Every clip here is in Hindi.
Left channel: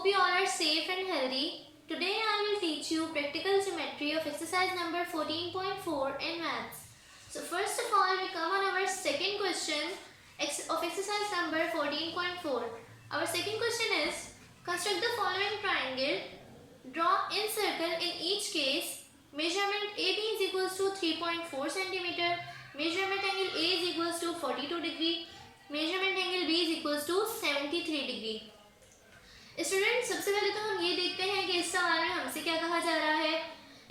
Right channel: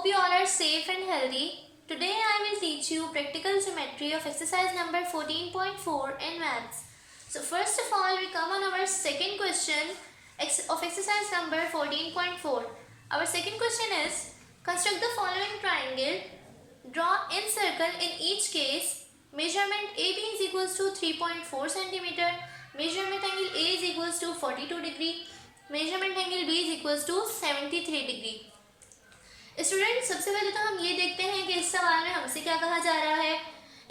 Hope you all are safe and healthy. Today I will teach you practical geometry of exercise number 14.4 in maths. So first of all we come on our second question of exercise number 14.4. Our second question is construct the following triangle. Draw in circle in each case. Measurement AB is equals to 3.4 cm. Measurement angle A is equals to 42 degree. Measurement angle B is equals to 73 degree. Student सबसे पहले तो हम ये देखते हैं कि इस सवाल में हमसे क्या कहा जा रहा है।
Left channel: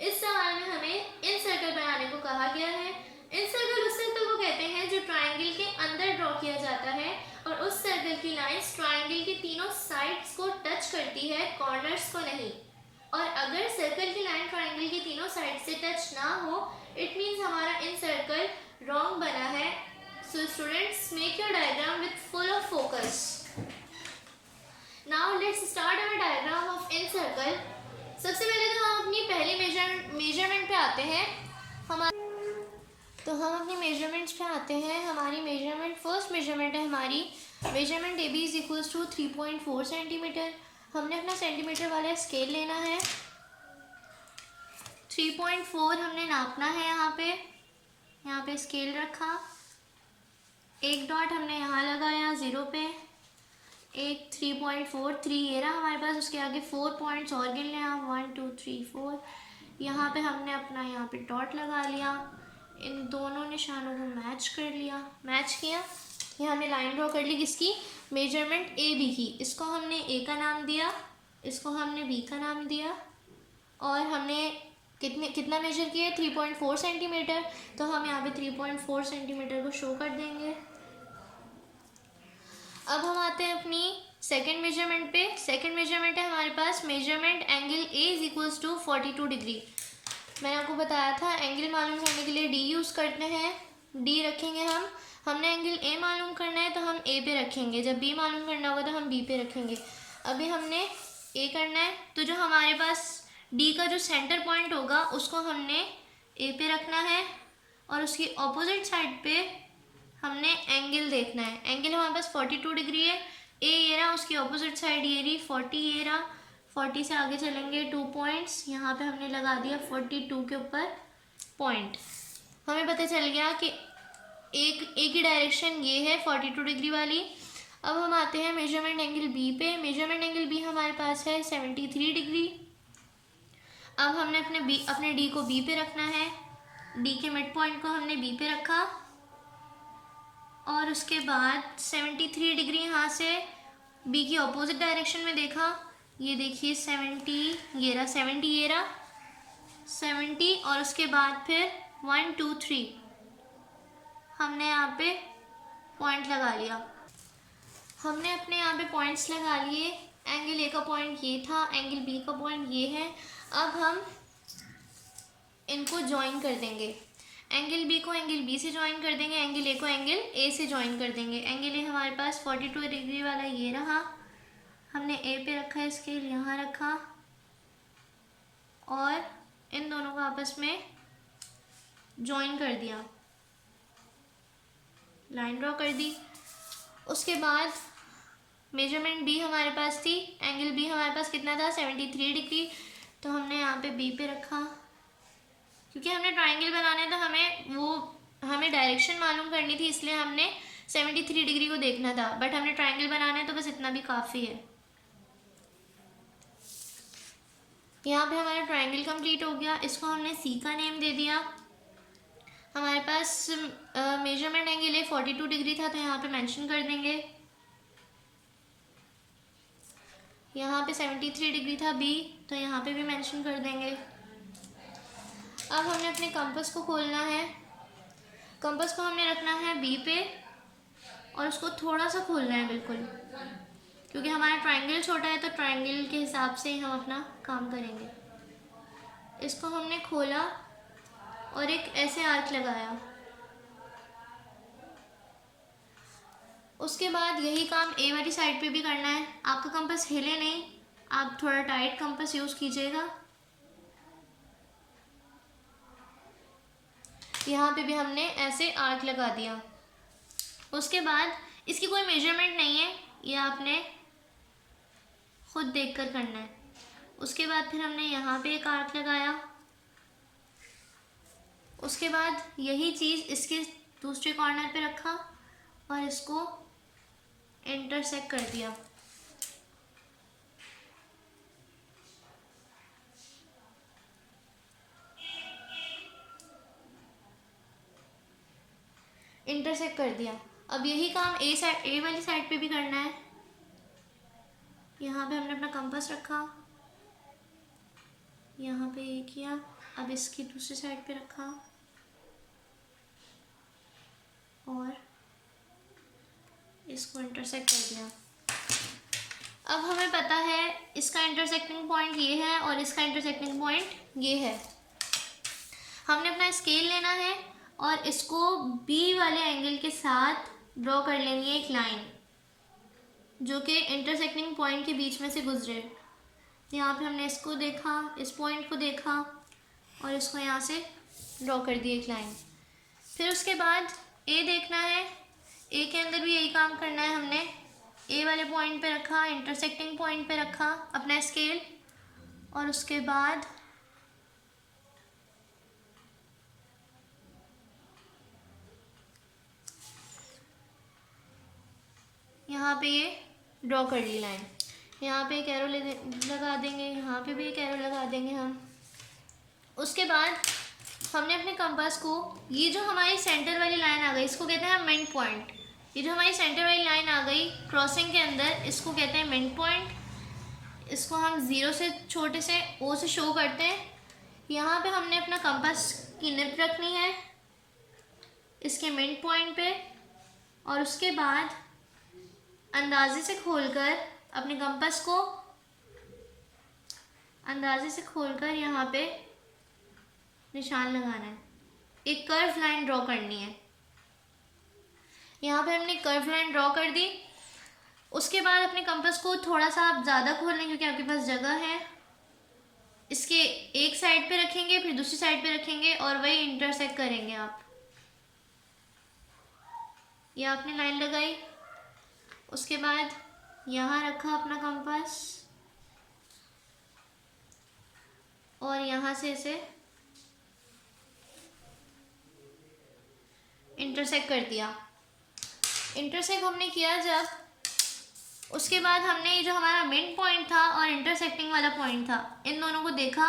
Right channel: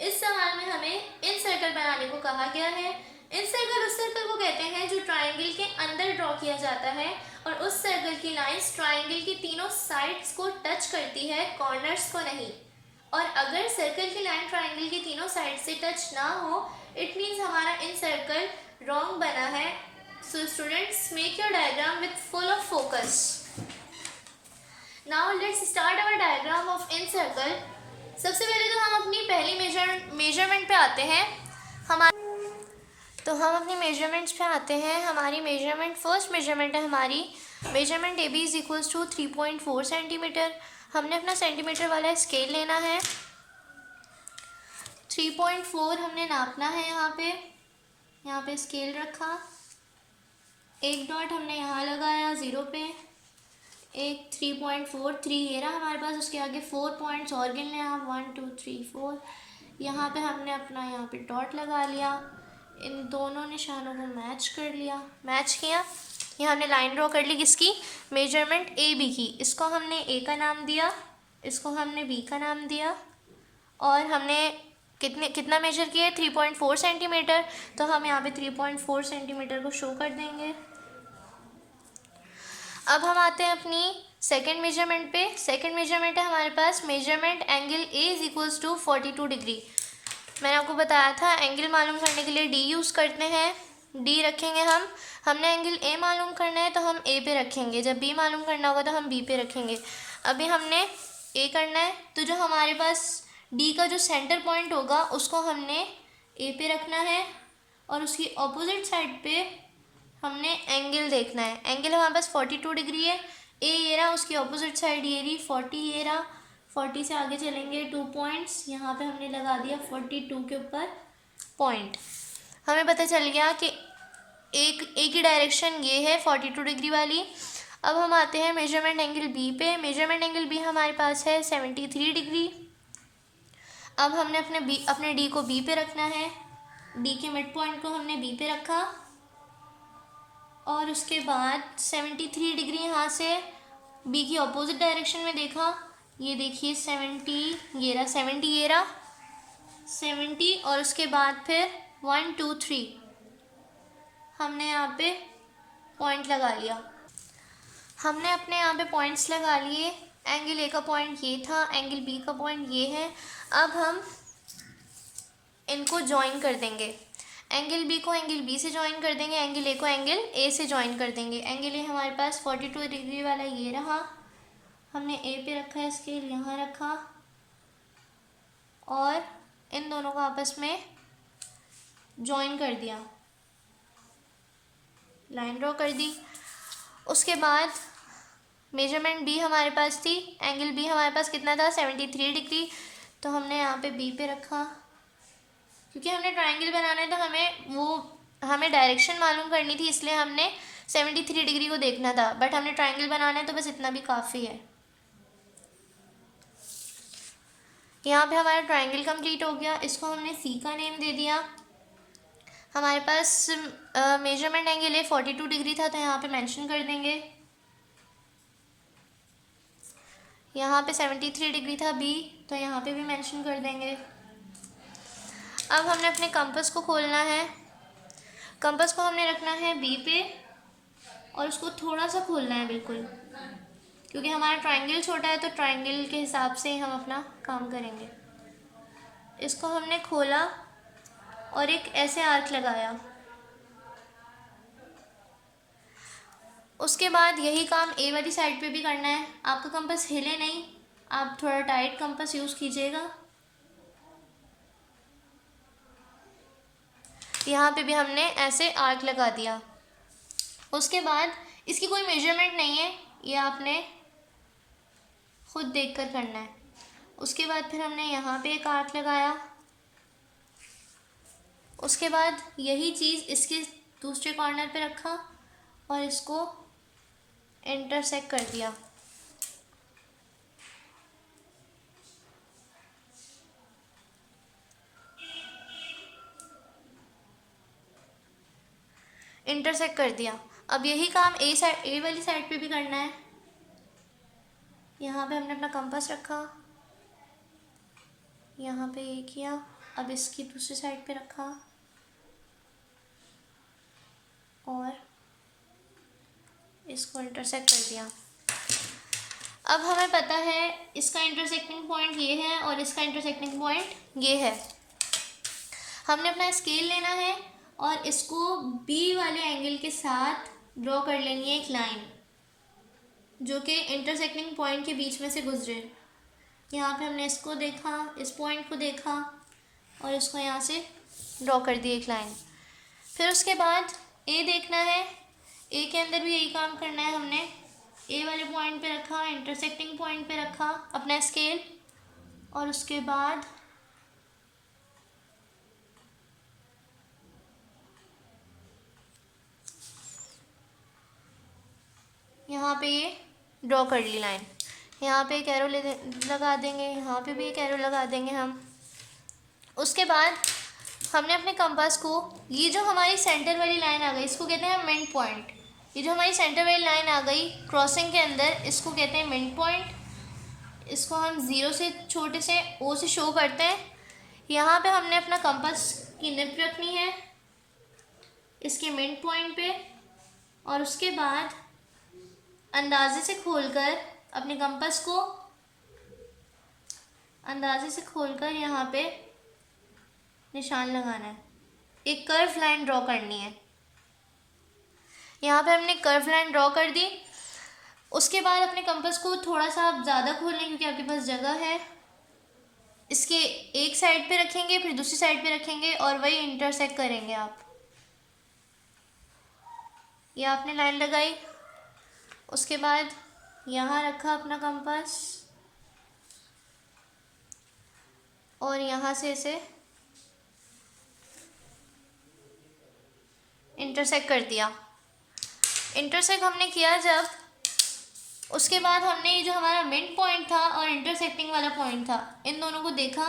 इस सवाल में हमें इन सर्कल बनाने को कहा गया है। इन सर्कल उस सर्कल को कहते हैं जो ट्राइंगल के अंदर ड्रॉ किया जाता है और उस सर्कल की लाइंस ट्राइंगल के तीनों साइड्स को टच करती है, कॉर्नर्स को नहीं। और अगर सर्कल की लाइन ट्राइंगल के तीनों साइड से टच ना हो, इट मीन्स हमारा इन सर्कल रॉन्ग बना है। So students make your diagram with full of focus. Now let's start our diagram of in circle. सबसे पहले तो हम अपनी पहली मेजरमेंट पे आते हैं। हम अपनी मेजरमेंट्स पे आते हैं। हमारी मेजरमेंट फर्स्ट मेजरमेंट है हमारी measurement A B is equals to 3.4 centimetre. हमने अपना सेंटीमीटर वाला स्केल लेना है। 3.4 हमने नापना है। यहाँ पे स्केल रखा, एक डॉट हमने यहाँ लगाया 0 पे, एक 3.43 ये रहा हमारे पास। उसके आगे 4 पॉइंट्स और गिन लें आप, 1 2 3 4। यहाँ पे हमने अपना यहाँ पे डॉट लगा लिया, इन दोनों निशानों को मैच किया। ये हमने लाइन ड्रॉ कर ली किसकी, मेजरमेंट ए बी की। इसको हमने ए का नाम दिया, इसको हमने बी का नाम दिया। और हमने कितना मेजर किया है, 3.4 सेंटीमीटर। तो हम यहाँ पे 3.4 सेंटीमीटर को शो कर देंगे। अब हम आते हैं अपनी सेकंड मेजरमेंट पे। सेकंड मेजरमेंट है हमारे पास measurement angle A is equals to 42 degree. मैंने आपको बताया था एंगल मालूम करने के लिए डी यूज़ करते हैं, डी रखेंगे हमने एंगल ए मालूम करना है तो हम ए पे रखेंगे, जब बी मालूम करना होगा तो हम बी पे रखेंगे। अभी हमने ए करना है तो जो हमारे पास डी का जो सेंटर पॉइंट होगा उसको हमने ए पे रखना है और उसकी अपोजिट साइड पे हमने एंगल देखना है। एंगल हमारे पास 42 डिग्री है। ए ये रहा, उसकी अपोजिट साइड ये रही 40 ये रहा। 40 से आगे चलेंगे 2 पॉइंट्स, यहाँ पे हमने लगा दिया 42 के ऊपर पॉइंट। हमें पता चल गया कि एक ही डायरेक्शन ये है 42 डिग्री वाली। अब हम आते हैं मेजरमेंट एंगल बी पे। मेजरमेंट एंगल बी हमारे पास है 73 डिग्री। अब हमने अपने डी को बी पे रखना है। डी के मिड पॉइंट को हमने बी पे रखा और उसके बाद 73 डिग्री यहाँ से बी की अपोजिट डायरेक्शन में देखा। ये देखिए 70 ये रहा 70 और उसके बाद फिर 1 2 3 हमने यहाँ पे पॉइंट लगा लिया। हमने अपने यहाँ पे पॉइंट्स लगा लिए। एंगल ए का पॉइंट ये था, एंगल बी का पॉइंट ये है। अब हम इनको ज्वाइन कर देंगे। एंगल बी को एंगल बी से ज्वाइन कर देंगे, एंगल ए को एंगल ए से ज्वाइन कर देंगे। एंगल ए हमारे पास 42 डिग्री वाला ये रहा, हमने ए पे रखा है स्केल, यहाँ रखा और इन दोनों को आपस में ज्वाइन कर दिया, लाइन ड्रॉ कर दी। उसके बाद मेजरमेंट बी हमारे पास थी, एंगल बी हमारे पास कितना था 73 डिग्री। तो हमने यहाँ पे बी पे रखा, क्योंकि हमने ट्रायंगल बनाना है तो हमें डायरेक्शन मालूम करनी थी, इसलिए हमने 73 डिग्री को देखना था। बट हमने ट्रायंगल बनाना है तो बस इतना भी काफ़ी है। यहाँ पे हमारा ट्रायंगल कंप्लीट हो गया। इसको हमने सी का नेम दे दिया। हमारे पास मेजरमेंट एंगल ए 42 डिग्री था तो यहाँ पे मेंशन कर देंगे। यहाँ पे 73 डिग्री था बी, तो यहाँ पे भी मेंशन कर देंगे। अब हमने अपने कंपास को खोलना है। कंपास को हमने रखना है बी पे और उसको थोड़ा सा खोलना है बिल्कुल, क्योंकि हमारा ट्रायंगल छोटा है तो ट्रायंगल के हिसाब से हम अपना काम करेंगे। इसको हमने खोला और एक ऐसे आर्क लगाया। उसके बाद यही काम ए वाली साइड पे भी करना है। आपका कंपास हिले नहीं, आप थोड़ा टाइट कंपास यूज़ कीजिएगा। यहाँ पे भी हमने ऐसे आर्क लगा दिया। उसके बाद इसकी कोई मेजरमेंट नहीं है, ये आपने खुद देखकर करना है। उसके बाद फिर हमने यहाँ पे एक आर्क लगाया। उसके बाद यही चीज़ इसके दूसरे कॉर्नर पे रखा और इसको इंटरसेक्ट कर दिया। इंटरसेक्ट कर दिया। अब यही काम ए वाली साइड पे भी करना है। यहाँ पे हमने अपना कंपास रखा, यहाँ पे ये किया, अब इसकी दूसरी साइड पे रखा और इसको इंटरसेक्ट कर दिया। अब हमें पता है इसका इंटरसेक्टिंग पॉइंट ये है और इसका इंटरसेक्टिंग पॉइंट ये है। हमने अपना स्केल लेना है और इसको बी वाले एंगल के साथ ड्रॉ कर लेनी है एक लाइन जो कि इंटरसेक्टिंग पॉइंट के बीच में से गुजरे। यहाँ पे हमने इसको देखा, इस पॉइंट को देखा और इसको यहाँ से ड्रॉ कर दी एक लाइन। फिर उसके बाद ए देखना है, ए के अंदर भी यही काम करना है। हमने ए वाले पॉइंट पे रखा, इंटरसेक्टिंग पॉइंट पे रखा अपना स्केल और उसके बाद यहाँ पे ये ड्रॉ कर ली लाइन। यहाँ पे एक एरो लगा देंगे, यहाँ पे भी एक एरो लगा देंगे हम। उसके बाद हमने अपने कंपास को, ये जो हमारी सेंटर वाली लाइन आ गई इसको कहते हैं मिड पॉइंट। ये जो हमारी सेंटर वाली लाइन आ गई क्रॉसिंग के अंदर, इसको कहते हैं मिड पॉइंट। इसको हम ज़ीरो से, छोटे से ओ से शो करते हैं। यहाँ पे हमने अपना कंपास की निप रखनी है इसके मिड पॉइंट पे और उसके बाद अंदाजे से खोलकर अपने कंपास को अंदाजे से खोलकर यहाँ पे निशान लगाना है। एक कर्व लाइन ड्रॉ करनी है। यहाँ पे हमने कर्व लाइन ड्रॉ कर दी। उसके बाद अपने कंपास को थोड़ा सा आप ज़्यादा खोल लें क्योंकि आपके पास जगह है। इसके एक साइड पे रखेंगे, फिर दूसरी साइड पे रखेंगे और वही इंटरसेक्ट करेंगे आप। ये आपने लाइन लगाई, उसके बाद यहाँ रखा अपना कंपास और यहाँ से इसे इंटरसेक्ट कर दिया। इंटरसेक्ट हमने किया जब, उसके बाद हमने ये जो हमारा मिड पॉइंट था और इंटरसेक्टिंग वाला पॉइंट था, इन दोनों को देखा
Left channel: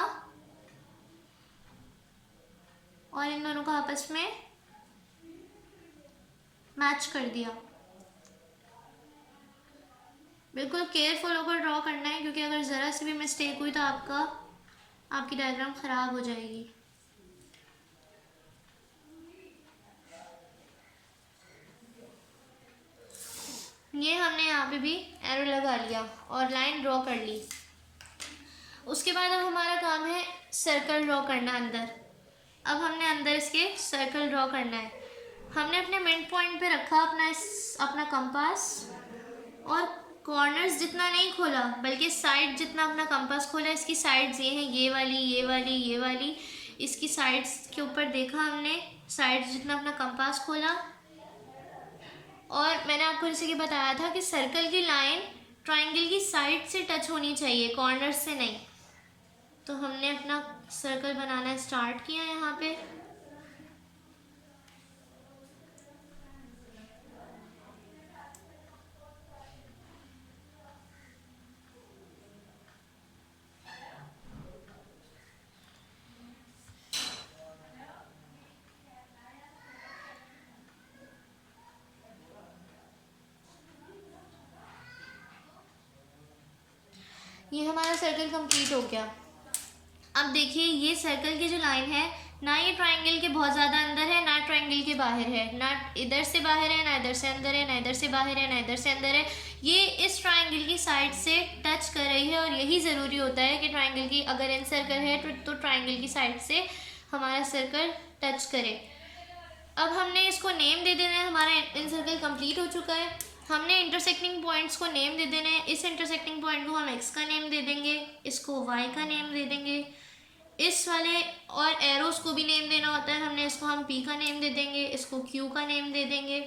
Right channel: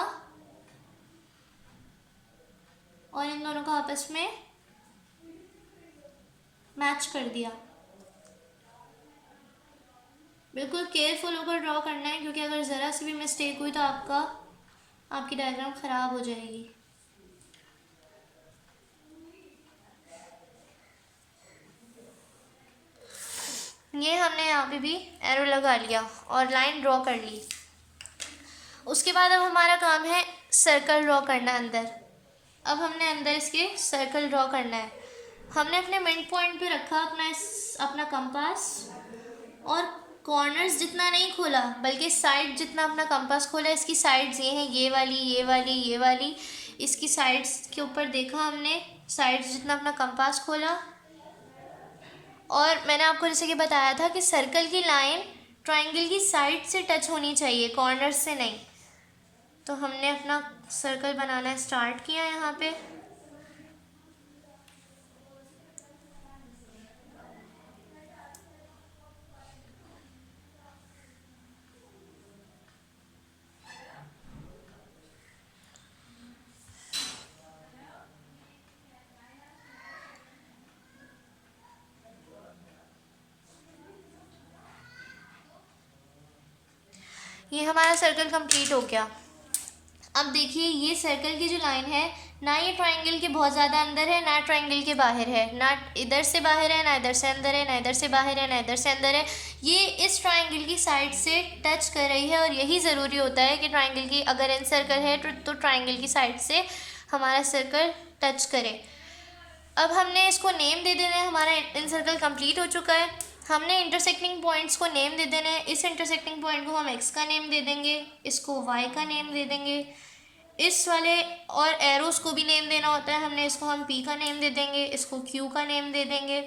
और इन दोनों को आपस में मैच कर दिया। बिल्कुल केयरफुल होकर ड्रॉ करना है क्योंकि अगर ज़रा सी भी मिस्टेक हुई तो आपकी डायग्राम ख़राब हो जाएगी। ये हमने यहाँ पे भी एरो लगा लिया और लाइन ड्रॉ कर ली। उसके बाद अब हमारा काम है सर्कल ड्रॉ करना अंदर। अब हमने अंदर इसके सर्कल ड्रॉ करना है। हमने अपने मिड पॉइंट पे रखा अपना कंपास और कॉर्नर्स जितना नहीं खोला बल्कि साइड जितना अपना कंपास खोला। इसकी साइड्स ये हैं, ये वाली, ये वाली, ये वाली। इसकी साइड्स के ऊपर देखा हमने, साइड्स जितना अपना कंपास खोला। और मैंने आपको जैसे कि बताया था कि सर्कल की लाइन ट्रायंगल की साइड से टच होनी चाहिए, कॉर्नर से नहीं। तो हमने अपना सर्कल बनाना स्टार्ट किया यहाँ पे। ये हमारा सर्कल कंप्लीट हो गया। अब देखिए ये सर्कल की जो लाइन है, ना ये ट्रायंगल के बहुत ज़्यादा अंदर है, ना ट्रायंगल के बाहर है, ना इधर से बाहर है, ना इधर से अंदर है, ना इधर से बाहर है, ना इधर से अंदर है। ये इस ट्रायंगल की साइड से टच कर रही है और यही ज़रूरी होता है कि ट्रायंगल की, अगर इन सर्कल है तो ट्रायंगल की साइड से हमारा सर्कल टच करे। अब हमने इसको नेम दे देना है। हमारा इन सर्कल कंप्लीट हो चुका है। हमने इंटरसेक्टिंग पॉइंट्स को नेम दे देना है। इस इंटरसेक्टिंग पॉइंट को हम एक्स का नेम दे देंगे, इसको वाई का नेम दे देंगे, इस वाले और एरोस को भी नेम देना होता है। हमने इसको हम पी का नेम दे देंगे, इसको क्यू का नेम दे देंगे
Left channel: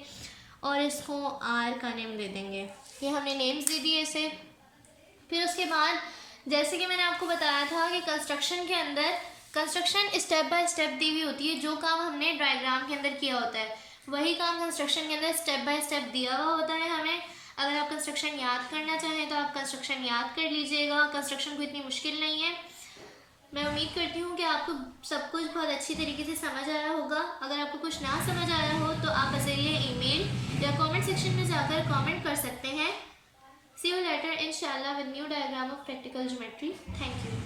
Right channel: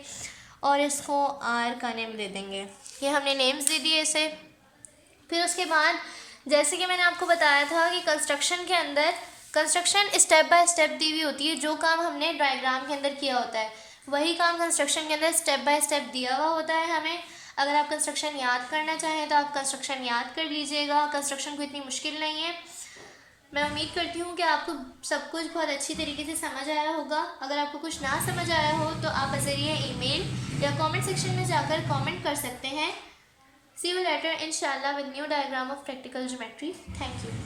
और इसको आर का नेम दे देंगे। ये हमने नेम्स दे दिए इसे। फिर उसके बाद जैसे कि मैंने आपको बताया था कि कंस्ट्रक्शन के अंदर कंस्ट्रक्शन स्टेप बाय स्टेप दी हुई होती है, जो काम हमने डायग्राम के अंदर किया होता है वही काम कंस्ट्रक्शन के अंदर स्टेप बाय स्टेप दिया हुआ होता है हमें। अगर आप कंस्ट्रक्शन याद करना चाहें तो आप कंस्ट्रक्शन याद कर लीजिएगा, कंस्ट्रक्शन कोई इतनी मुश्किल नहीं है। मैं उम्मीद करती हूँ कि आपको सब कुछ बहुत अच्छी तरीके से समझ आया होगा। अगर आपको कुछ ना समझ आया हो तो आप बज़रिए ईमेल या कमेंट सेक्शन में जाकर कमेंट कर सकते हैं। See you later inshallah with new diagram of practical geometry. Thank you.